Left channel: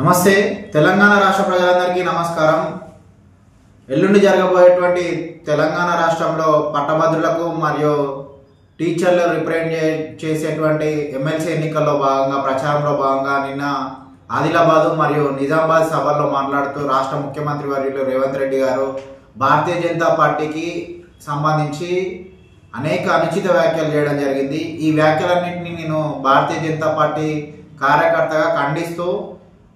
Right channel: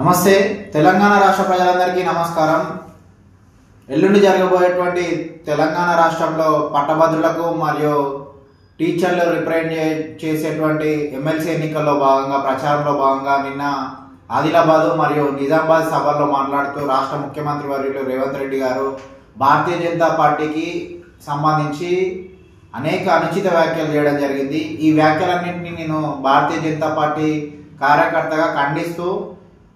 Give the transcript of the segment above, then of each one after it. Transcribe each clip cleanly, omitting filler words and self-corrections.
నమస్తే తెలంగాణ రాష్ట్ర ప్రజలందరికీ నమస్కారం। ఎల్లుండి జరగబోయేటువంటి తెలంగాణ రాష్ట్రంలో పట్టభద్రులకు మరియు టీచర్లు రిప్రజెంట్ చేసేటువంటి ఎమ్మెల్సీ ఎన్నికల్లో భాగంగా ప్రచారంలో భాగంగా నిన్న ఆదిలాబాద్ మరియు నిజామాబాద్ సభల్లో మాట్లాడుతూ రాష్ట్ర ముఖ్యమంత్రి వర్యులు రేవంత్ రెడ్డి గారు భారతీయ జనతా పార్టీకి సంబంధించి అనేక అనుచిత వ్యాఖ్యలు చేయడం జరిగింది। ఈ వ్యాఖ్యలన్నింటినీ నేను భారతీయ జనతా పార్టీ కార్యకర్తగా ఖండిస్తూ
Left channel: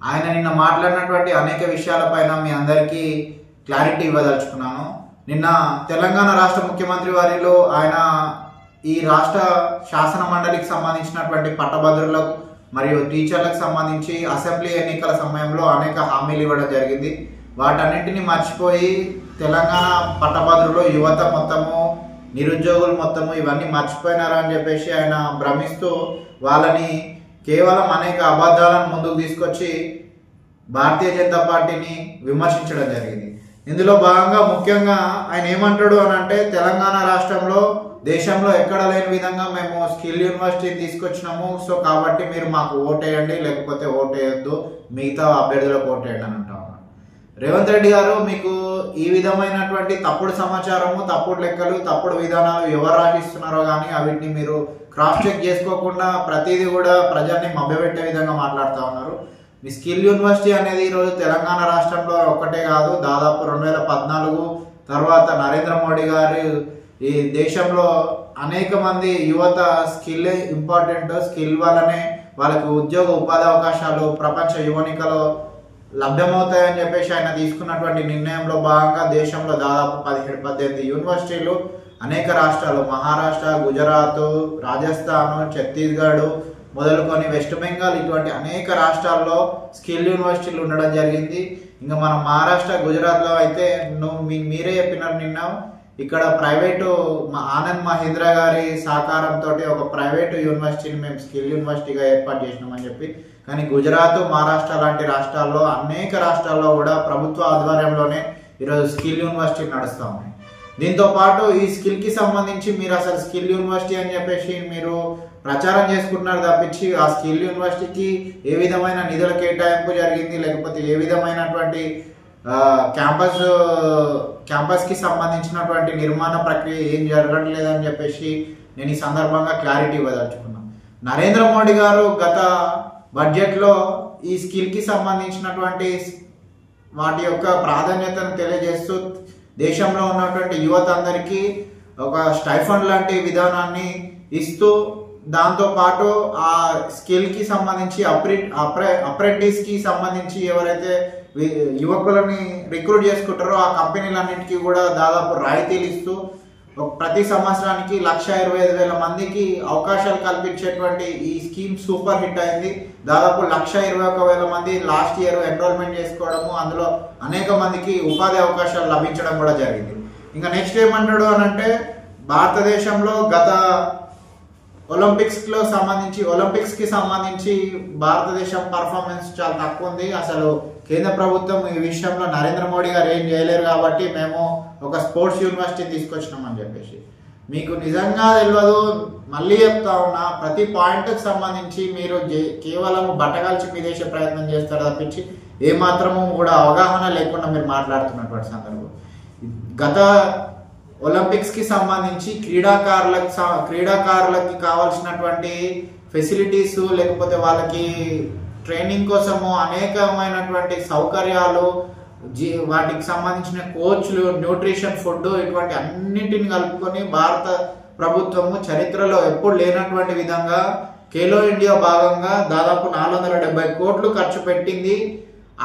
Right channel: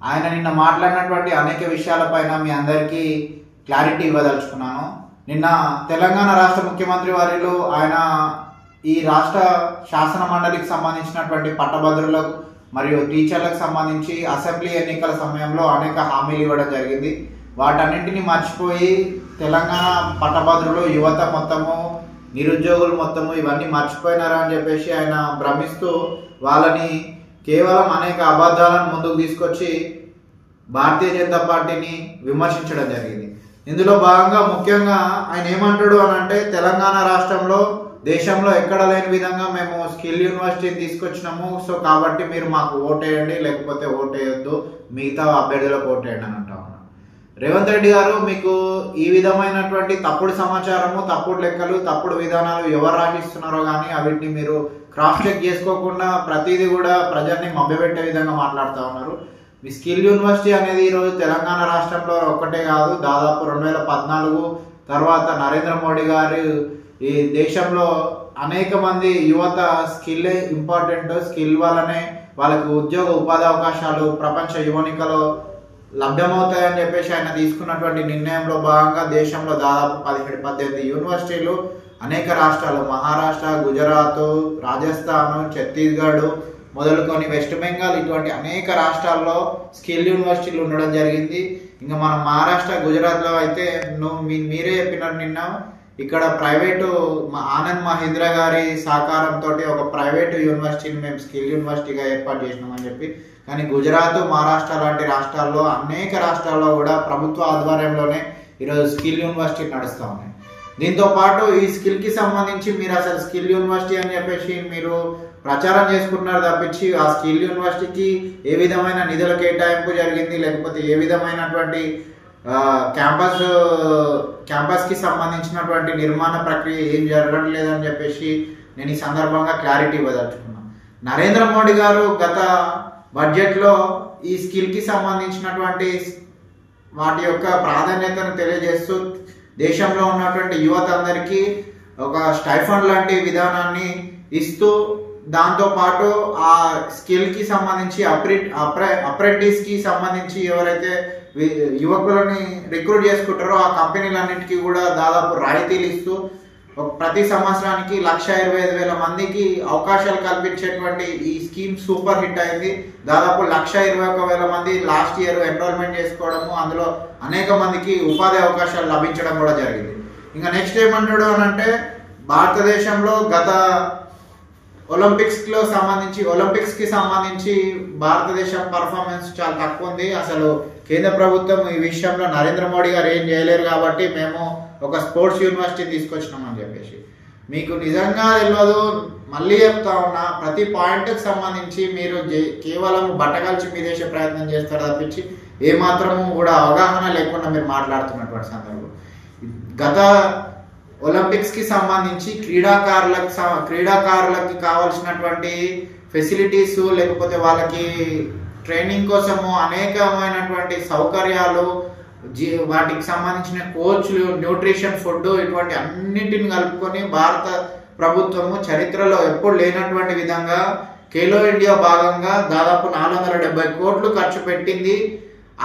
ఆయన నిన్న మాట్లాడినటువంటి అనేక విషయాలపైన మీ అందరికీ క్లారిటీ ఇవ్వదలుచుకున్నాను। నిన్న తెలంగాణ రాష్ట్ర ముఖ్యమంత్రి వర్యులు ఆయన ఈ రాష్ట్ర శాసన మండలికి సంబంధించినటువంటి పట్టభద్రులకు మరియు టీచర్లకు సంబంధించి అసెంబ్లీ ఎన్నికల సమయంలో అనేక హామీలు ఇవ్వడం జరిగింది। వాటన్నింటినీ మర్చిపోయి తెలంగాణ పట్టభద్రులు యువత మొత్తము నిరుద్యోగులు మొత్తము ఇవన్నీ మర్చిపోయినారు అని చెప్పేసి ఆయన భ్రమిస్తూ వాళ్ళని కేవలం అనేక అబద్ధాలను ముందుకు తీసుకొచ్చి భారతీయ జనతా పార్టీని విమర్శించడం జరిగింది। ఇందులో భాగంగా ముఖ్యంగా ఆయన ఏమంటాడు అని అంటే తెలంగాణ రాష్ట్రంలో దేశంలో ఎక్కడ లేని విధంగా మేము స్కిల్ యూనివర్సిటీని తీసుకొచ్చినాము, సో కాబట్టి మీరు మాకు ఓటేయండి లేకపోతే ఓటేయొద్దు, మిగతా అభ్యర్థులకు ఓటేయండి అని అంటా ఉన్నాం। రేవంత్ రెడ్డి గారు మీకు ఈ విధమైనటువంటి తప్పుడు సమాచారము, తప్పుడు లెక్కలు, తప్పుడు విధానాలు ఎవరు రాసిస్తున్నారో కానీ అవిటిని మీరు క్రాస్ చెక్ చేసుకోకుండా ప్రతిదీ కూడా ప్రజల్ని మభ్యపెట్టే విధంగా మాట్లాడుతూ ఉన్నారు। మీ స్కిల్ యూనివర్సిటీ అనేది ఈరోజు తెలంగాణ రాష్ట్రంలో ఒక్కటే కాదు, దాదాపు 2014 తర్వాత నరేంద్ర మోడీ గారు ఈ దేశంలో అనేక మంది యువత స్కిల్ ఇంపార్టెంట్, స్కిల్ వల్లనే వాళ్ళకి ఉద్యోగ ఉపాధి అవకాశాలు ప్రపంచ యువనికలో లభ్యమవుతాయని చెప్పేసి ఆయన తీసుకున్నటువంటి నిర్ణయంలో భాగంగా దేశంలో దాదాపు 17-18 యూనివర్సిటీలు అనేక రాష్ట్రాలు మహారాష్ట్ర, గుజరాత్, రాజస్థాన్, ఛత్తీస్గఢ్ మొదలుకొని వెస్ట్ బెంగాల్ ఇటువంటి అనేక రాష్ట్రాల్లో స్కిల్ యూనివర్సిటీలు ఉండడం జరిగింది। ఇంకా మన మహారాష్ట్ర, గుజరాత్లో అయితే మీరే చెప్పినారు నిన్న ఇక్కడ ప్రైవేటు ఆనంద్ మహీంద్రా గారి సహకారంతో ఒక ప్రైవేటు యూనివర్సిటీని మేము స్కిల్ యూనివర్సిటీగా ఏర్పాటు చేసినామని చెప్పి, కానీ గుజరాత్, మహారాష్ట్ర లాంటి రాష్ట్రాల్లో అనేక రాష్ట్రాల్లో కూడా ప్రభుత్వ ఆధ్వర్యంలోనే ఈరోజు స్కిల్ యూనివర్సిటీ నడుస్తూ ఉన్నాయి। దీంతో పాటు ఈ స్కిల్ కి సంబంధించి మీరు అసలు స్కిల్ యూనివర్సిటీ అని చెప్పేసి మీరు ప్రచారం చేసుకుంటున్నారు తప్పించి ఆ స్కిల్ యూనివర్సిటీకి ఏ విధమైన నిధుల కేటాయింపు జరిగింది లేకపోతే ఏ విధమైనటువంటి క్యాంపస్ కి సంబంధించినటువంటి నిర్మాణ ప్రక్రియ ఏం జరగడం లేదని చెప్పేసి నేను ఈ సందర్భంగా క్లారిటీ ఇవ్వదలుచుకున్నాను। నరేంద్ర మోడీ గారు గత బడ్జెట్ లో ఈ స్కిల్ కి సంబంధించినటువంటి వాటి యొక్క ప్రాధాన్యతను తెలియజేస్తూ దేశంలో ఉన్నటువంటి యువత అందరికీ ఒక స్టైఫండ్ లాంటి విధానాన్ని ఇస్తూ దాంతో పాటు ఆ స్కిల్ కి సంబంధించి అప్రెంటిస్ కి సంబంధించి ఎవరైతే యువకులని రిక్రూట్ చేసుకుంటారో ఆ కంపెనీలన్నింటికి కూడా దాదాపు రాయితీలు ఇస్తూ ప్రతి సంవత్సరానికి 1,25,000 మందికి అవకాశాలు కల్పించేటువంటి ఈ స్కీమ్ సూపర్ హిట్ అయింది। దాదాపు 1,21,000 మంది లాస్ట్ ఇయర్ ఎన్రోల్మెంట్ చేసుకోవడము, అందులో అనేక మందికి ఉపాధి అవకాశాలు లభించడం కూడా జరిగింది। ఇంకా నెక్స్ట్ ఏమంటాడు అని అంటే భారతదేశంలో గత ఒలింపిక్స్ కి సంబంధించి భారతదేశం పర్ఫార్మెన్స్ చాలా తక్కువ ఉంది, అసలు కేంద్ర ప్రభుత్వం ఈ విషయంలో నరేంద్ర మోడీ గారు ఏం చేయలేరు కాబట్టి మేము ఒక స్పోర్ట్స్ యూనివర్సిటీ తీసుకొచ్చినామని చెప్పేసి మీకు నిజంగా తెలియదు। మళ్ళీ చెప్తా ఉన్నా, ప్రతి పాయింట్కి సంబంధించి మీరు కేవలం బట్టగలిచి మీ దేశ ప్రయత్నం చేస్తారు తప్పించి ఏమాత్రము కూడా అవగాహన లేకుండా మీరు మాట్లాడుతున్నటువంటి సందర్భం। గత ఒలింపిక్స్ కి సంబంధించి క్రీడాకారులకి కావాల్సినటువంటి ఫెసిలిటీస్ లేకపోతే వాళ్ళకి ట్రైనింగ్ కోసము అనేకమైనటువంటి సౌకర్యాలు, వాటికి సంబంధించిన కోచ్లు, న్యూట్రిషన్, ఫుడ్ ఇటువంటి అన్నింటిని కలుపుకొని భారత ప్రభుత్వము చరిత్రలో ఎప్పుడు లేనటువంటి విధంగా ఖేలో ఇండియా భాగంగా దాదాపు 470 కోట్లు ఖర్చు పెట్టింది।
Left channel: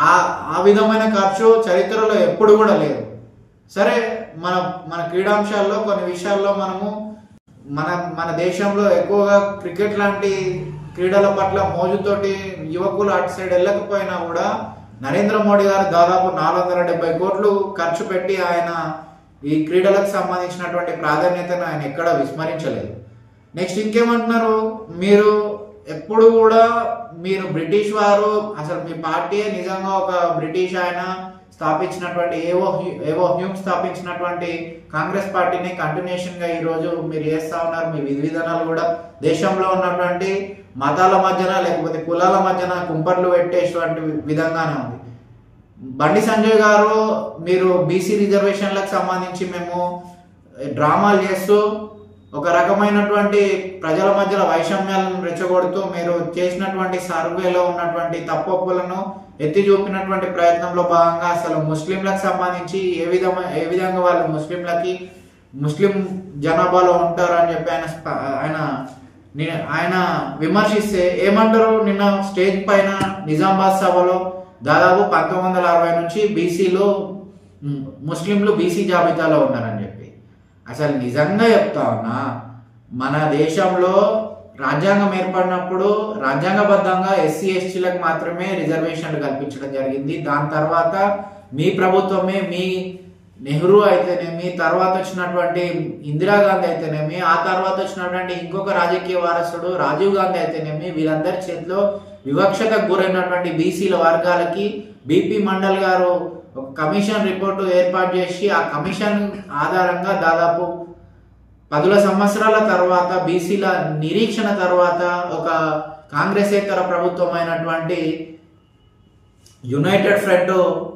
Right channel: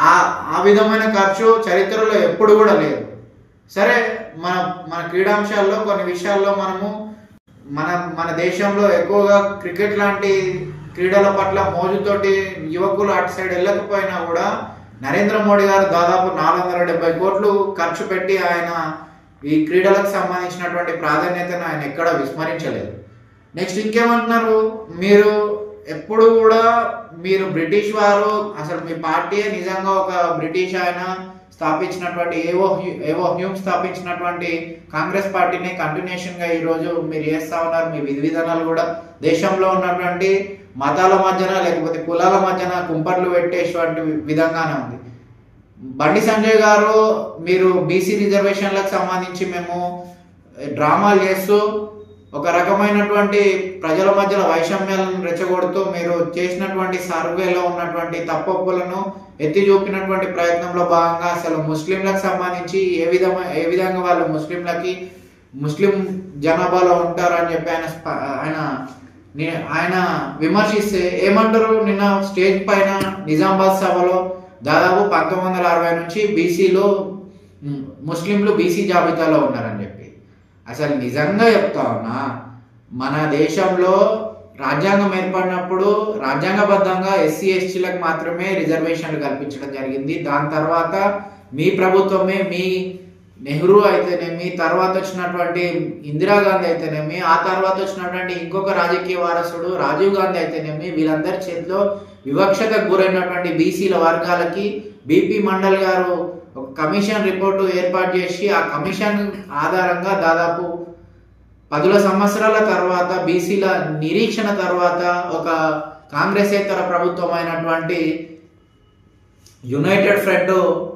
ఆ విధమైన ఖర్చు చరిత్రలో ఎప్పుడు కూడా లేదు। సరే, మన క్రీడాంశాల్లో కొన్ని విషయాల్లో మనము మన దేశంలో ఎక్కువగా క్రికెట్ లాంటి క్రీడల పట్ల మోజుతోటి యువకులు అటు సైడ్ వెళ్ళకపోయినా కూడా నరేంద్ర మోడీ గారు దాదాపు 470 కోట్లు ఖర్చు పెట్టి ఆయన ఈ క్రీడలకు సంబంధించినటువంటి ప్రాధాన్యతను ఆయన ఎక్కడ విస్మరించలేదు। నెక్స్ట్ ఇంకేమంటున్నారు, మీరు ఎప్పుడు కూడా మీరు బ్రిటిష్ వారు, అసలు మీ పార్టీయే నిజంగా ఒక బ్రిటిష్ ఆయన స్థాపించినటువంటి ఏవో హ్యూమ్ స్థాపించినటువంటి కాంగ్రెస్ పార్టీని కంటిన్యూషన్ గా ఈ రోజు మీరు చేస్తా ఉన్నారు। మీ విధి విధానాలు కూడా దేశంలో ఉన్నటువంటి మతాల మధ్యన లేకపోతే కులాల మధ్యన కుంపట్లు పెట్టేటువంటి విధంగానే ఉంది. బండి సంజయ్ గారు మీరు బీసీ రిజర్వేషన్లకు సంబంధించి మేము డ్రామాలు చేస్తూ ఒక రకమైనటువంటి ప్రజల మధ్యలో వైషమ్యాలను రెచ్చగొడుతూ మీరు చేసినటువంటి సర్వేలో ఉన్నటువంటి తప్పొప్పులను ఎత్తి చూపినటువంటి ప్రయత్నంలో భాగంగా అసలు ముస్లింలకు సంబంధించి ఏ విధంగా వాళ్ళు ముస్లిం జనాభాలో ఉంటారని చెప్పి ఆయన విమర్శిస్తే ఏమంటారు, నిన్న స్టేజ్ పైన నిజామాబాద్ సభలో దాదాపు 1960 నుంచి ముస్లింలు బీసీ జాబితాలో ఉన్నారని చెప్పి. అసలు నిజంగా చెప్తా ఉన్నా, మన దేశంలో రాజ్యాంగం ఏర్పడినప్పుడు రాజ్యాంగబద్ధంగా ఎస్సీ ఎస్టీలకు మాత్రమే రిజర్వేషన్లు కల్పించడం జరిగింది. దాని తర్వాత మీ ప్రభుత్వమే, మీ నెహ్రూ అయితేనేమి, తర్వాత వచ్చినటువంటి ఇందిరాగాంధీ అయితేనేమి, ఆ తర్వాత వచ్చినటువంటి ఇంకొక రాజకీయ వారసుడు రాజీవ్ గాంధీ అయితేనేమి, వీళ్ళందరి చేతిలో వివక్షతకు గురైనటువంటి బీసీల వర్గాలకి బీపీ మండల్ గారు ఒక కమిషన్ రిపోర్టు ఏర్పాటు చేసి ఆ కమిషన్ ఆధారంగా దాదాపు 10 సంవత్సరాల తర్వాత బీసీల నిరీక్షణ తర్వాత ఒక కాంగ్రెసేతర ప్రభుత్వం అయినటువంటి యునైటెడ్ ఫ్రంట్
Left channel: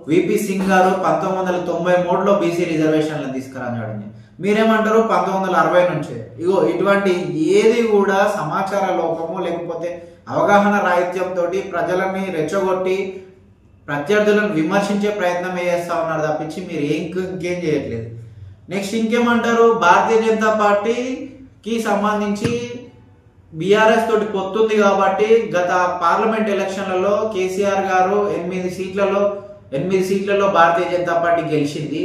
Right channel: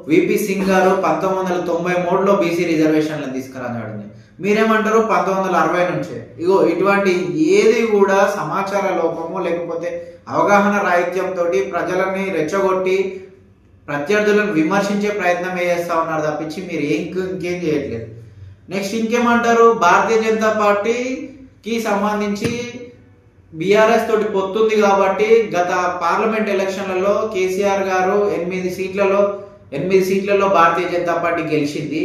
విపి సింగ్ గారు 1993లో బీసీ రిజర్వేషన్లను తీసుకురావడం. మీరేమంటారు 1960 నుంచే. ఇగో ఇటువంటి ఏది కూడా సమాచార లోపము లేకపోతే అవగాహన రాహిత్యంతో ప్రజలని రెచ్చగొట్టి ప్రత్యర్థులను విమర్శించే ప్రయత్నం చేస్తా ఉన్నారు తప్పించి మీరు ఇంకేం చేయట్లేదు. నెక్స్ట్ ఇంకేమంటారు, భారతీయ జనతా పార్టీకి సంబంధించి బీఆర్ఎస్ తోటి పొత్తుంది కాబట్టి గత పార్లమెంట్ ఎలక్షన్లలో కేసీఆర్ గారు 8 సీట్లలో భారతీయ జనతా పార్టీ గెలిచింది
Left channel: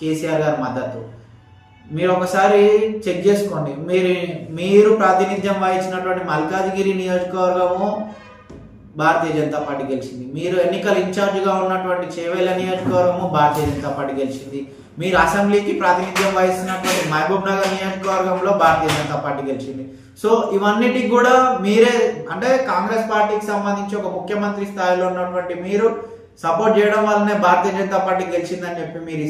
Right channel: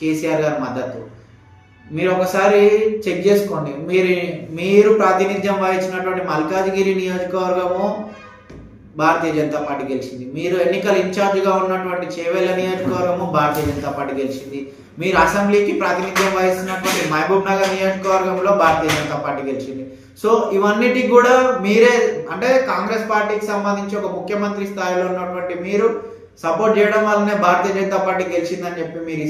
కేసీఆర్ గారి మద్దతు. మీరు ఒకసారి చెక్ చేసుకోండి. మీరు ప్రాతినిధ్యం వహించినటువంటి మల్కాజ్గిరి నియోజకవర్గము భారతీయ జనతా పార్టీ గెలిచింది. మీరు ఎన్నికల ఇన్ఛార్జిగా ఉన్నటువంటి చేవెళ్ళ నియోజకవర్గము భారతీయ జనతా పార్టీ గెలిచింది. మీరు అసెంబ్లీకి ప్రాతినిధ్యం వహిస్తున్నటువంటి మహబూబ్ నగర్ నియోజకవర్గంలో భారతీయ జనతా పార్టీ గెలిచింది. సో ఇవన్నిటికి కూడా మీరే, అంటే కాంగ్రెస్ పార్టీకి సంబంధించి ఒక ముఖ్యమంత్రి స్థాయిలో ఉన్నటువంటి మీరు సపోర్ట్ చేయడం వల్లనే భారతీయ జనతా పార్టీ గెలిచిందని చెప్పి మీరు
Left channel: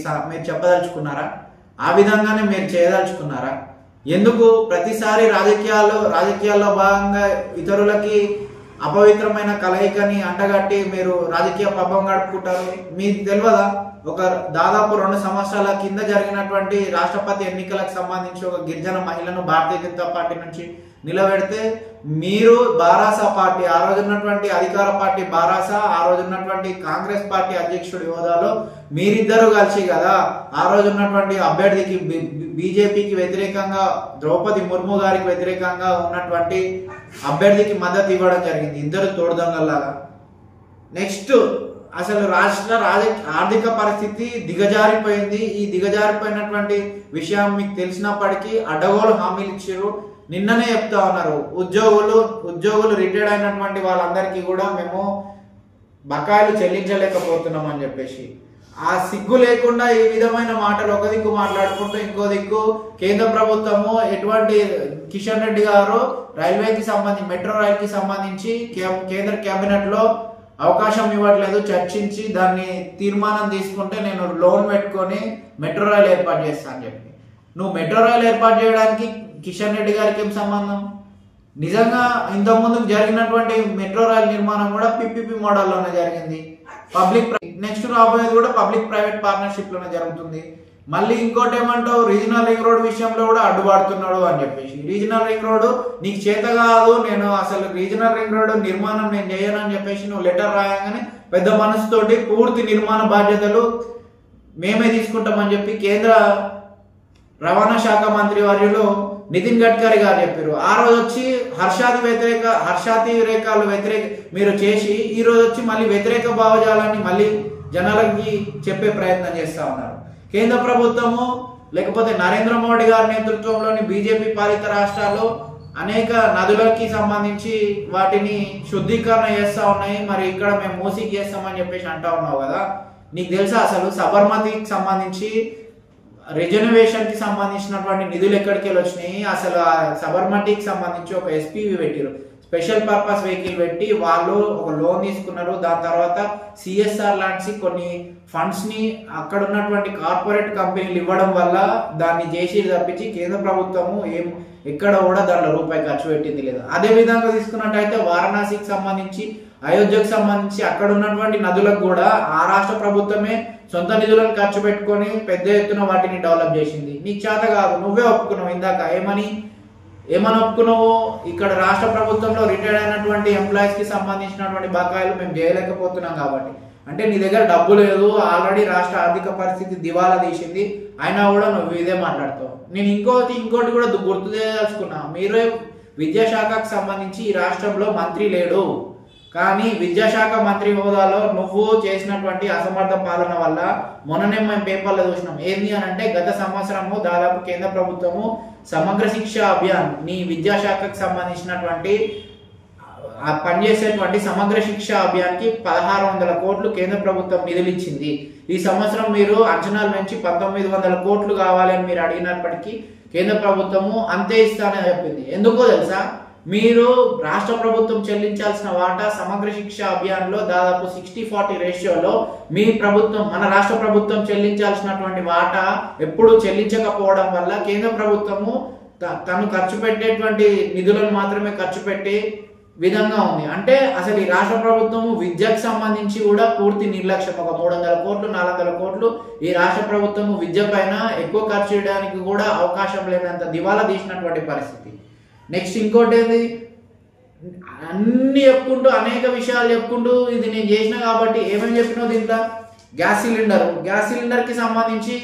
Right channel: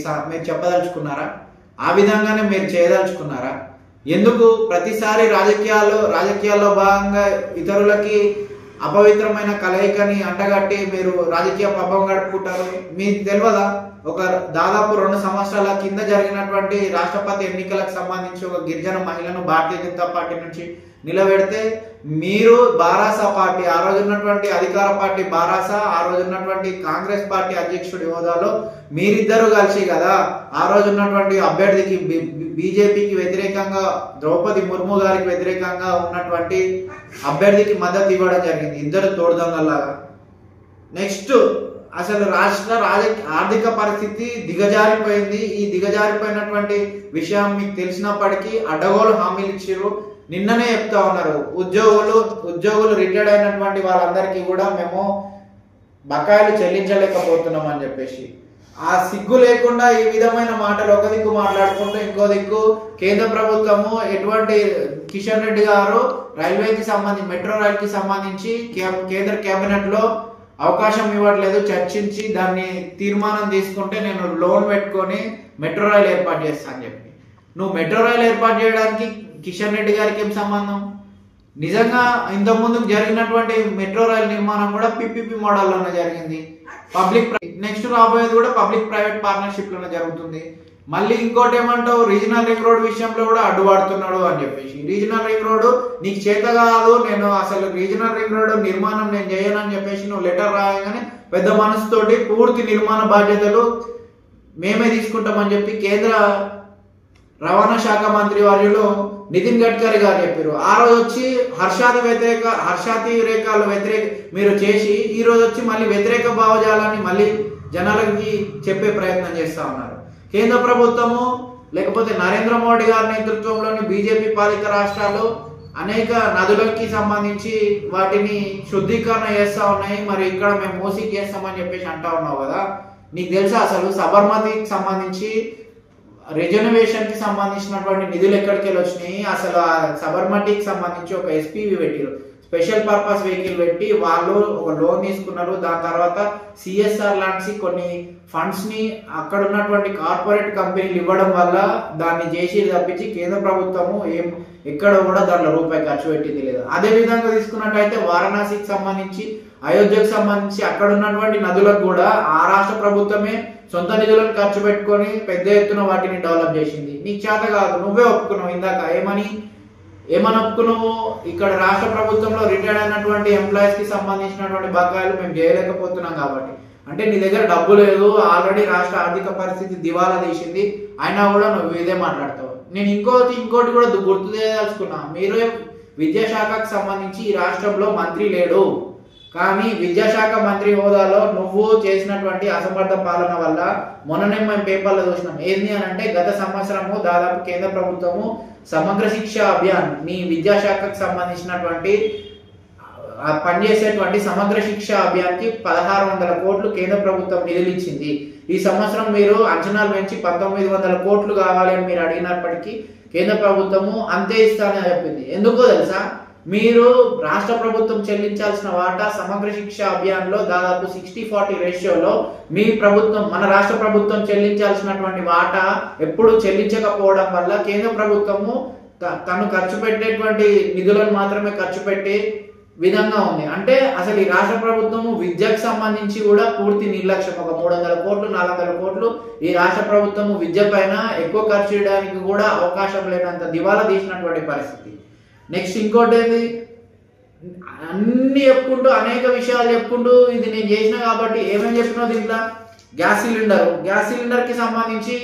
చెప్పదలుచుకున్నారా? ఆ విధంగానే మీరు చేయదలుచుకున్నారా? ఎందుకు ప్రతిసారి రాజకీయాల్లో భాగంగా ఇతరులకి అపవిత్రమైన కలయికని అంటగట్టి మీరు రాజకీయ పబ్బం గడుపుకుంటారు? మీకు తెలియదా, ఒక దాదాపు 2 సంవత్సరాల కింద జరిగినటువంటి రాష్ట్రపతి ఎన్నికలకు సంబంధించి ఒక గిరిజన మహిళను భారతీయ జనతా పార్టీ నుంచి నిలబెడితే మీరు బారాసా పార్టీ, ఆ రోజున్నటువంటి అధికార పార్టీ బారాసా, ఆ రోజున్నటువంటి కాంగ్రెస్ పార్టీ అధ్యక్షుడి హోదాలో మీరిద్దరు కలిసి కదా ఆ రోజున్నటువంటి అభ్యర్థికి బీజేపీకి వ్యతిరేకంగా ద్రౌపది ముర్ము గారికి వ్యతిరేకంగా ఉన్నటువంటి అభ్యర్థికి మద్దతు ఇవ్వడం జరిగింది, ఇద్దరు తోడుదొంగల్లాగా. నెక్స్ట్ అసలు రాష్ట్ర ఆర్థిక పరిస్థితి దిగజారిపోయింది. ఈ దిగజారిపోయినటువంటి విషయం మీకు తెలిసినప్పటికీ అడ్డగోలు హామీలు ఇచ్చారు. నిన్ననే చెప్తా ఉన్నారు, ఉద్యోగులు రిటైర్డ్ అయినటువంటి వాళ్ళందరికీ కూడా మేము బకాయిలు చెల్లించలేకపోతున్నాం అని చెప్పేసి. ఆ సిగ్గు లేకుండా ఈ విధమైన మాటలు ఒక దిక్కు మాట్లాడుకుంటూ ఇంకో దిక్కు కేంద్ర ప్రభుత్వము ఎటువంటి కిషన్ రెడ్డి గారు రైల్వేకి సంబంధించి మెట్రో రైల్ కి సంబంధించి కేంద్ర కేబినెట్ లో అవకాశం ఇవ్వట్లేదు, చర్చించి దాన్ని తీర్మానం తీసుకుంటే నేను లోన్ పెట్టుకొని మెట్రో రైల్ ఏర్పాటు చేస్తాను అని చెప్పి. నువ్వు మెట్రో రైల్ ఏర్పాటు చేయడానికి కిషన్ రెడ్డి గారికి ఏం సంబంధం? నిజంగా ఇంతకుముందు జరిగినటువంటి మెట్రో రైల్ నిర్మాణం కూడా పిపిపి మోడల్లోనే జరిగింది. నెక్స్ట్ రాబోయేది కూడా పబ్లిక్ ప్రైవేట్ పార్ట్నర్షిప్ లోనే జరుగుతుంది. మళ్ళీ ఇంకోటి ఏమంటావు, రీజనల్ రింగ్ రోడ్ విషయంలో కూడా అడ్డుపడుతున్నాడు అని చెప్పేసి. రీజనల్ రింగ్ రోడ్ నీకు చేత కాదు, నేను అసలు రీజనల్ రింగ్ రోడ్ నిర్మాణం నేను చేయను అని చెప్పేసి నువ్వు లెటర్ రాయగానే పెద్ద మనసుతోటి పూర్తి నిర్మాణ బాధ్యతలు మేమే తీసుకుంటామని చెప్పి కేంద్ర రవాణా శాఖ మంత్రి వర్యులు నితిన్ గడ్కరీ గారు చెప్పారు. ఆ రోజు వచ్చి హర్షాతిరేకాలు మీరు చేసి ఈ రోజు వచ్చి మళ్ళీ వ్యతిరేక భావజాలాన్ని మళ్ళీ జనాలకి చెప్పే ప్రయత్నం చేస్తా ఉన్నారు. కేంద్ర ప్రభుత్వము లేకపోతే నరేంద్ర మోడీ గారి నేతృత్వంలోని బీజేపీ పాలిత రాష్ట్రాలు అనేక నదులకి సంబంధించి వాటిని శుద్ధీకరణ చేస్తా ఉన్నాయి. మరి ఇక్కడ మేము మూసీకి చేస్తామని చెప్పేసి అంటా ఉన్నావు కదా. నీకు తెలుసా అసలు సబర్మతికి సంబంధించి రిజర్వేషన్ కి సంబంధించినటువంటి నిధులు ఎక్కడికి వెళ్ళి వచ్చినాయి? అసలు ఆ సబర్మతికి సంబంధించి ఒక ఎస్పీవి పెట్టారు, స్పెషల్ పర్పస్ వెహికల్ పెట్టి వాళ్ళు ఒక లోన్ తీసుకున్నారు. దాని తర్వాత సిఎస్ఆర్ లాంటి కొన్ని ఫండ్స్ ని అక్కడ ఉన్నటువంటి కార్పొరేట్ కంపెనీలు ఇవ్వడం వల్ల దాన్ని చేసి తప్పించి కేంద్ర ప్రభుత్వము ఎక్కడ కూడా దాంట్లో రూపాయి ఖర్చు పెట్టింది లేదు. అదే విధంగా తీసుకున్నట్టయితే వారణాసికి సంబంధించి, అయోధ్యకు సంబంధించి అక్కడ ఉన్నటువంటి నదులకు కూడా ఆ రాష్ట్ర ప్రభుత్వమే సొంత నిధులను ఖర్చు పెట్టుకొని పెద్ద ఎత్తున వాటిని డెవలప్ చేసింది. నీకు చేత కాదు, నువ్వే ఒప్పుకున్నావు ఇందాక. ఏమని ఒప్పుకున్నావు? ఇక్కడ రాష్ట్ర ప్రభుత్వంలో రిటైర్డ్ అయినటువంటి ఎంప్లాయీస్ కి సంబంధించినటువంటి బకాయిలు మేము చేయలేకపోతున్నాం కాబట్టి. అంటే నీ దగ్గర డబ్బు లేదు, ఆల్రెడీ రాష్ట్ర ఆర్థిక పరిస్థితి దివాలా తీసింది, అయినా కూడా నువ్వు ఇదే మాట్లాడతావు. నేను ఇంకోటి కూడా గుర్తు చేయదలుచుకున్నా. మీరు విద్యాశాఖకు సంబంధించి ఈ రాష్ట్రంలో మంత్రి లేడు, కానీ విద్యాశాఖ మంత్రి హోదాలో నువ్వు చేసినటువంటి అసమర్థ పాలన వల్ల మొన్ననే మేము పేపర్లో చూసినాం. ఏంది అని అంటే గత సంవత్సరము దాదాపు కేంద్ర ప్రభుత్వము సమగ్ర శిక్ష అభియాన్, నీ విద్యాశాఖకు సంబంధించినటువంటి పనిచేసేటువంటి సమగ్ర శిక్ష అభియాన్కి 1600 కోట్లు కేంద్ర ప్రభుత్వం నిధులు ఇచ్చింది. ఈ సంవత్సరం మీరు అంచనాలు పెంచి 1900 కోట్లు కావాలి అని మీరు అడిగినప్పటికీ కేంద్ర ప్రభుత్వము అంతే ఇస్తానని చెప్పింది. ఎందుకో తెలుసా? మీరు రాష్ట్ర ప్రభుత్వం చెల్లించాల్సిన వాటా సమగ్ర శిక్ష అభియాన్ లో దాదాపు 60-40 రేషియోలో మీ ప్రభుత్వం, మన రాష్ట్ర ప్రభుత్వం చెల్లించాల్సినటువంటి వాటా ఎప్పుడు చెల్లించకపోవడం వల్ల కేంద్ర ప్రభుత్వము తను ఖర్చు పెట్టేటువంటి నిధులను మాత్రమే ఖర్చు పెట్టే విధంగా ఉంది. అంటే అసలు ఈ రాష్ట్ర ప్రభుత్వము విద్యకు సంబంధించి కూడా పూర్తి నిర్లక్ష్యం. ఒక 300 కోట్లు 400 కోట్లు ఈ రాష్ట్ర ప్రభుత్వము విద్య పైన ఎక్కువ ఖర్చు చేయడానికి కూడా అవకాశం లేనంత దివాలా తీసినటువంటి పరిస్థితి. నెక్స్ట్ ఇంకోటి ఏంది, అన్ని చెప్పుకుంటూ అనేక విషయాలు చెప్పుకుంటూ ఇది నేను చేసిన కాబట్టి ఏమేమి చెప్పినావు దీంట్లో? గ్యాస్ సిలిండర్ కి సంబంధించి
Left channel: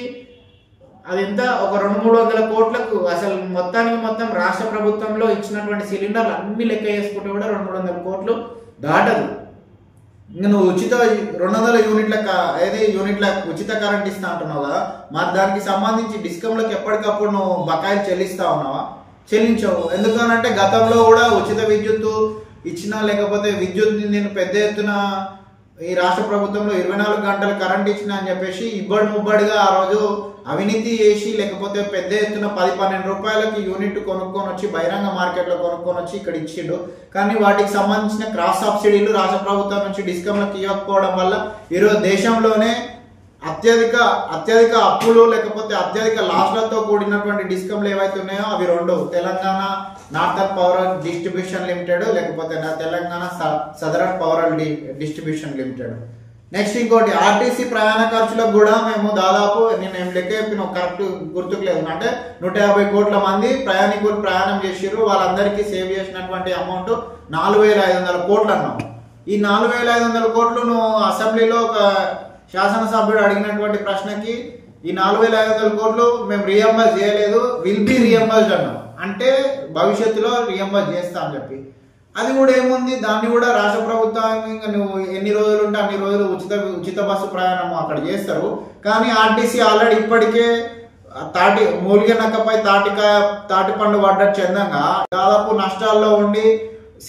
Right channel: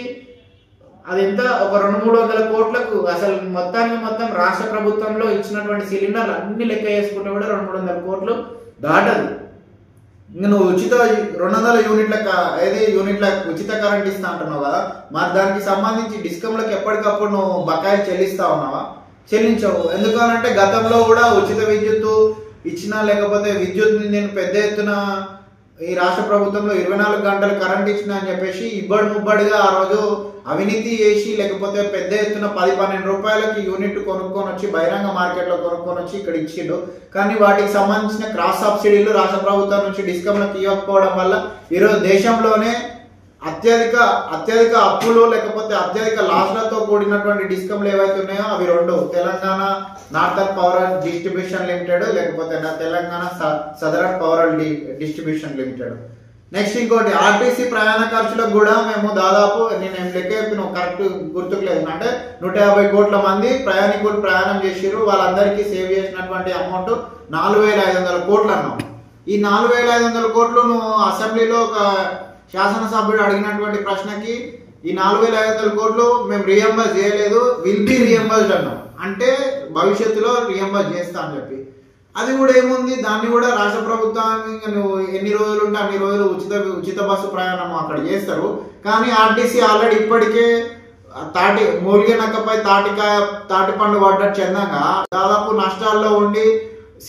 అది ఎంత, ఒక 200-300 కోట్లకు అసలు మొత్తం రాష్ట్ర ప్రభుత్వంలో ఇచ్చినటువంటి సిలిండర్లు అన్ని లెక్క చేసుకుంటే కూడా 200-300 కోట్లు దాటదు. ఇంకా నువ్వు 200 యూనిట్ల ఉచిత కరెంట్ ఇస్తా అంటున్నావు కదా, మరి దానికి సంబంధించి డిస్కంలకు ఎప్పటికప్పుడు నువ్వు బకాయిలు చెల్లిస్తా ఉన్నావా? చెల్లించవు. ఎందుకనంటే గతంలో కూడా ఉచిత విద్యుత్తు ఇచ్చినా, లేకపోతే విద్యుత్ నేను పెద్ద ఎత్తున ఈ రాష్ట్ర ప్రభుత్వంలో 24 గంటలు కరెంట్ ఇచ్చిన అని చెప్పేసి ఇబ్బడి ముబ్బడిగా ఆ రోజు అవినీతి చేసి, లేకపోతే పెద్ద ఎత్తున 10-12 రూపాయలకి యూనిట్ కొనుక్కొని వచ్చి బహిరంగ మార్కెట్లో కొనుక్కొని వచ్చి ఇక్కడ ఇచ్చిండు. కానీ వాటికి సంబంధించిన క్రాస్ సబ్సిడీలు రాష్ట్ర ప్రభుత్వం నుంచి డిస్కంలకు ఇవ్వకపోవడం వల్ల ఈరోజు దేశంలోనే అత్యధిక అప్పులు లేకపోతే అత్యధిక లాస్లతో కూడినటువంటి డిస్కంలు ఏవైతే ఉన్నాయో అవి 2, Telangana northern power distribution limited, లేకపోతే Telangana southern power distribution limited. Next ఇంకోటి ఆర్టీసీ ప్రయాణ ఖర్చులకు కూడా మేము దాదాపు నేను లెక్క చెప్పిన కరెక్ట్ గుర్తుకు లేదు, అంటే 150 కోట్ల మంది ప్రయాణికులు ప్రయాణం చేసిర్రు. వాళ్ళందరికీ సేవ్ చేసినటువంటి అమౌంట్ 4500 కోట్లు అన్నాం. ఈ 4500 కోట్లు నువ్వు అసెంబ్లీలో ఒక శాసనసభ్యుడు అడిగినటువంటి ప్రశ్నకి ఈ 4500 కోట్లు మేము రీఎంబర్స్ చేయలేదు, విల్ బి రీఎంబర్స్డ్ అన్నాం. అంటే భవిష్యత్తులో రీఎంబర్స్ చేస్తా అని చెప్పి, అది కూడా ఏముంది, దాన్ని కూడా రాష్ట్ర ప్రభుత్వం నువ్వు ఎన్ని రోజులు ఉంటే అన్ని రోజులు ఉచిత బస్సు ప్రయాణం అక్కడ చేస్తారు. కానీ ఆర్టీసీ ఆల్రెడీ ఇప్పటికే మూలిగ నక్కపై తాటి పండు పడ్డట్టు చెందంగా దాదాపు నష్టాల్లో ఉండి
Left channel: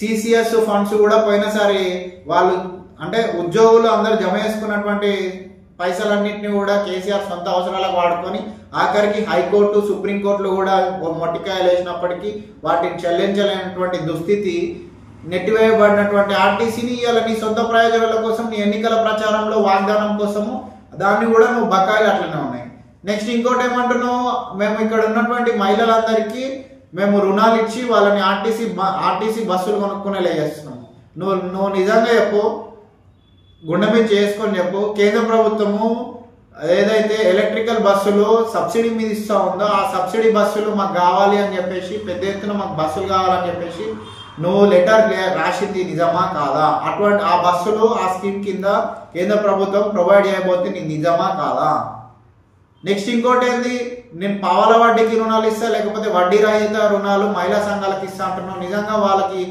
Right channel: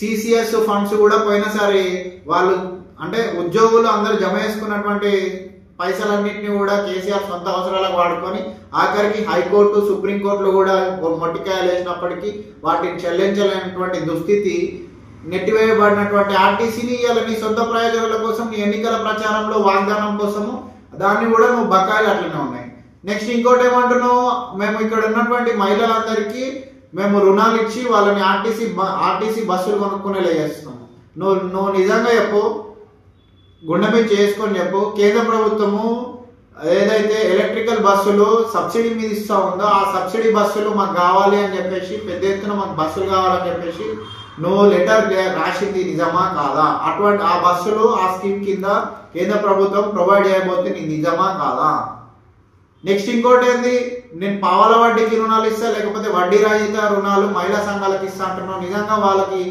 సిసిఎస్ ఫండ్స్ కూడా పోయినసారి వాళ్ళు అంటే ఉద్యోగులు అందరూ జమ చేసుకున్నటువంటి పైసలన్నింటినీ కూడా కేసీఆర్ సొంత అవసరాలకు వాడుకొని ఆఖరికి హైకోర్టు సుప్రీంకోర్టులో కూడా మొట్టికాయలు వేసినప్పటికీ వాటిని చెల్లించలేనటువంటి దుస్థితి నెట్టివేయబడినటువంటి ఆర్టీసీని ఇవాళ నీ సొంత ప్రయోజనాల కోసం, నీ ఎన్నికల ప్రచారంలో వాగ్దానం కోసము దాన్ని కూడా నువ్వు బకాయిలు అట్లనే ఉన్నాయి. నెక్స్ట్ ఇంకోటి ఏమంటున్నావు, మేము ఇక్కడ ఉన్నటువంటి మహిళలందరికీ మేము రుణాలు ఇచ్చి వాళ్ళని ఆర్టీసీ బస్సులు కొనుక్కునేలా చేస్తున్నాం. నువ్వు నిజంగా చెప్పు, గుండె మీద చేసుకొని చెప్పు, కేంద్ర ప్రభుత్వము ఏదైతే ఎలక్ట్రికల్ బస్సులు సబ్సిడీ మీద ఇస్తా ఉందో ఆ సబ్సిడీ బస్సులు మాకు కావాలి అని చెప్పేసి, పెద్ద ఎత్తున మాకు బస్సులు కావాలని చెప్పేసి నువ్వు లెటర్ రాసింది నిజమా కాదా? అటువంటి ఆ బస్సులు ఆ స్కీమ్ కింద కేంద్ర ప్రభుత్వం ప్రొవైడ్ చేయబోతుంది, నీకు నిజమా కాదా? నెక్స్ట్ ఇంకోటి ఏంది, నేను పావల వడ్డీకి రుణాలు ఇస్తా, లేకపోతే వడ్డీ రహిత రుణాలు మహిళా సంఘాలకు ఇస్తా అంటున్నావు. నిజంగా వాళ్ళకి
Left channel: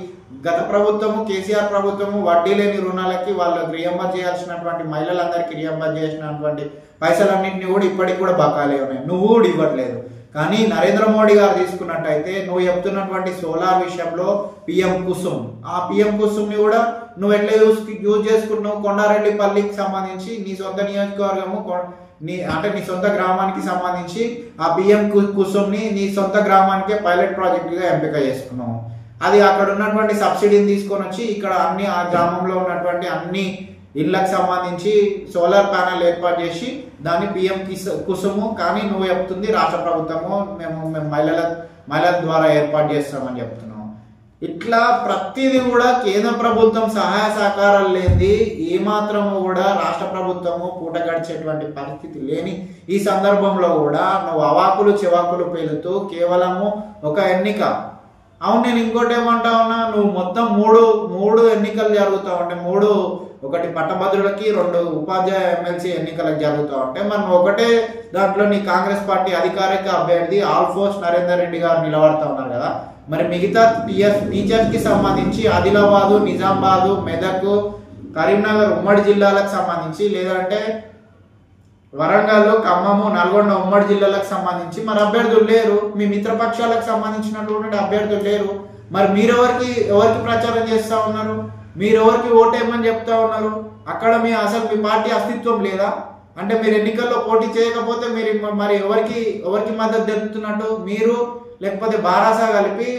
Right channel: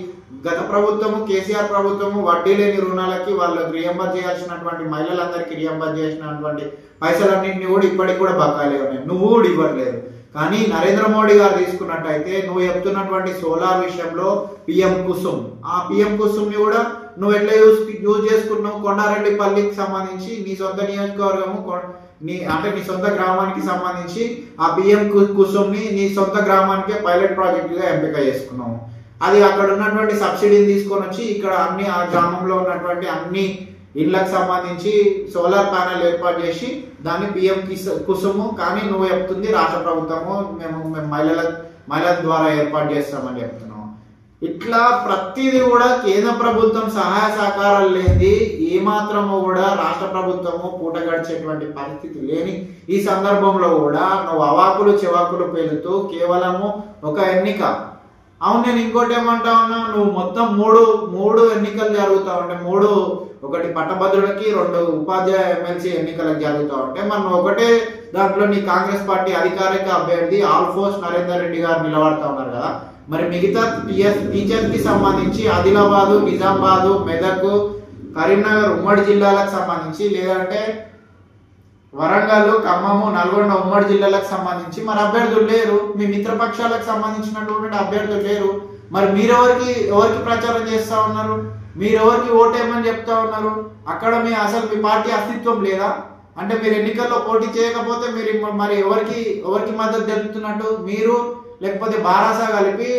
గత ప్రభుత్వము కేసీఆర్ ప్రభుత్వము వడ్డీ లేని రుణాలకి వాళ్ళకి రియంబర్ చేయాల్సినటువంటి మహిళలందరికీ రియంబర్ చేసినటువంటి పైసలన్నింటినీ కూడా ఇప్పటికి కూడా బకాయిలే ఉన్నాయి, నువ్వు కూడా ఇవ్వట్లేదు. కానీ నరేంద్ర మోడీ గారు తీసుకున్నట్టయితే నువ్వు చెప్తున్నటువంటి సోలార్ విషయంలో పిఎం కుసుమ్, ఆ పిఎం కుసుమ్ ని కూడా నువ్వు ఎట్లా యూజ్ చేసుకున్నావు? కొండారెడ్డిపల్లికి సంబంధించి నీ సొంత నియోజకవర్గము నీ సొంత గ్రామానికి సంబంధించి ఆ పిఎం కుసుమ్ ని నీ సొంత గ్రామానికే పైలట్ ప్రాజెక్ట్ గా ఎంపిక చేసుకున్నావు. అది అక్కడ ఉన్నటువంటి సబ్సిడీని తీసుకొని వచ్చి ఇక్కడ అన్ని ఆ గ్రామంలో ఉన్నటువంటి అన్ని ఇళ్లకు సంబంధించి సోలార్ ప్యానెల్ ఏర్పాటు చేసి దాన్ని పిఎం కుసుము కానీ నువ్వు చెప్తుంది రాష్ట్ర ప్రభుత్వము మేము మహిళల ద్వారా ఏర్పాటు చేస్తామని చెప్తున్నాము. ఇట్లా ప్రతిదీ కూడా కేంద్ర ప్రభుత్వం సహాయ సహకారాలు లేని ఏమాత్రము కూడా రాష్ట్ర ప్రభుత్వము పూట గడిచేటువంటి పరిస్థితి లేని ఈ సందర్భంలో కూడా నువ్వు అవాకులు చెవాకులు పేలుతూ కేవలము ఒక ఎన్నిక. అవును, నేను ఇంకోటి ఏమంటా ఉన్నా, నువ్వు మొత్తం మూడు ఎన్నికలు జరుగుతా ఉంటే ఒకటి పట్టభద్రులకి 2 ఉపాధ్యాయ ఎమ్మెల్సీ ఎన్నికలకు జరుగుతూ ఉంటే మనం ఒకటే దాంట్లో నీ కాంగ్రెస్ పార్టీ అధికారిక అభ్యర్థి ఆల్ఫోర్స్ నరేందర్ రెడ్డి గారు నిలబడతా ఉన్నారు కదా. మరి మిగతా టీచర్స్ కి సంబంధించి ఆదిలాబాదు, నిజామాబాదు, మెదక్, కరీంనగర్ ఉమ్మడి జిల్లాలకు సంబంధించి లేదంటే వరంగల్, ఖమ్మము, నల్గొండ ఉమ్మడి జిల్లాలకు సంబంధించి మరి అభ్యర్థులు లేరు. మీ మిత్రపక్షాలకు సంబంధించినటువంటి అభ్యర్థులు లేరు. మరి ఎవరికి ప్రచారం చేస్తా ఉన్నారు? ఎవరికి ఓటేయమని చెప్తా ఉన్నారు? అక్కడ అసలు మీ పార్టీ అస్తిత్వం లేదా? అంటే మీరు ఎన్నికల్లో పోటీ చేయకపోతే మీరు మరి ఎవరికి మద్దతు తెలుపుతున్నట్టు? మీరు లేకపోతే బారాసా కలిపి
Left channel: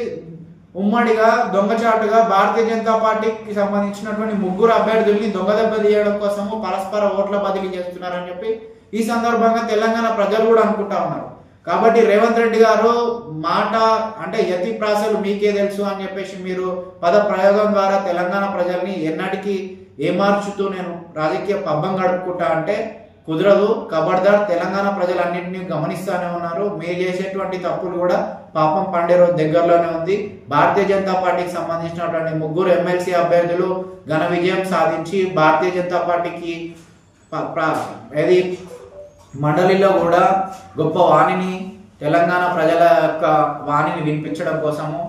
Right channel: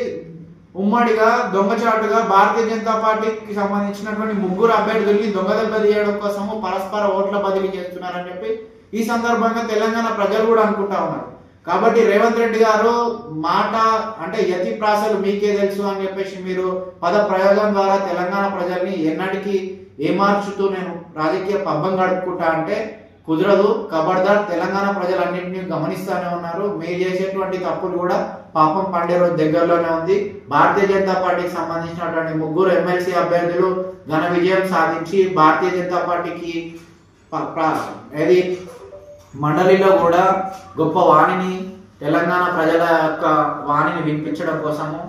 ఉమ్మడిగా దొంగచాటుగా భారతీయ జనతా పార్టీకి సంబంధించినటువంటి 3 అభ్యర్థుల్ని దొంగదెబ్బ తీయడం కోసము పరస్పర ఓట్ల బదిలీ చేస్తున్నారని చెప్పి ఈ సందర్భంగా తెలంగాణ ప్రజలు కూడా అనుకుంటా ఉన్నారు. కాబట్టి రేవంత్ రెడ్డి గారు మాట అంటే యతి ప్రాసలు మీకే తెలుసు అని చెప్పేసి మీరు పద ప్రయోగం ద్వారా తెలంగాణ ప్రజల్ని ఎన్నటికీ ఏమార్చుతూ నేను రాజకీయ పబ్బం గడుపుకుంటా అంటే కుదరదు. ఖబర్దార్, తెలంగాణ ప్రజలన్నింటినీ గమనిస్తూనే ఉన్నారు. మీరు చేసేటువంటి తప్పులు కూడా పాపం పండే రోజు దగ్గరలోనే ఉంది. భారతీయ జనతా పార్టీకి సంబంధించినటువంటి 3 ఎమ్మెల్సీ అభ్యర్థులు ఘన విజయం సాధించి భారతీయ జనతా పార్టీకి మండలిలో కూడా గొప్ప వాణిని తెలంగాణ ప్రజల యొక్క వాణిని వినిపించడం కోసము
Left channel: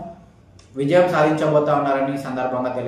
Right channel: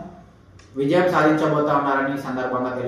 విజయం సాధించబోతా ఉన్నారని ఈ సందర్భంగా తెలియదు.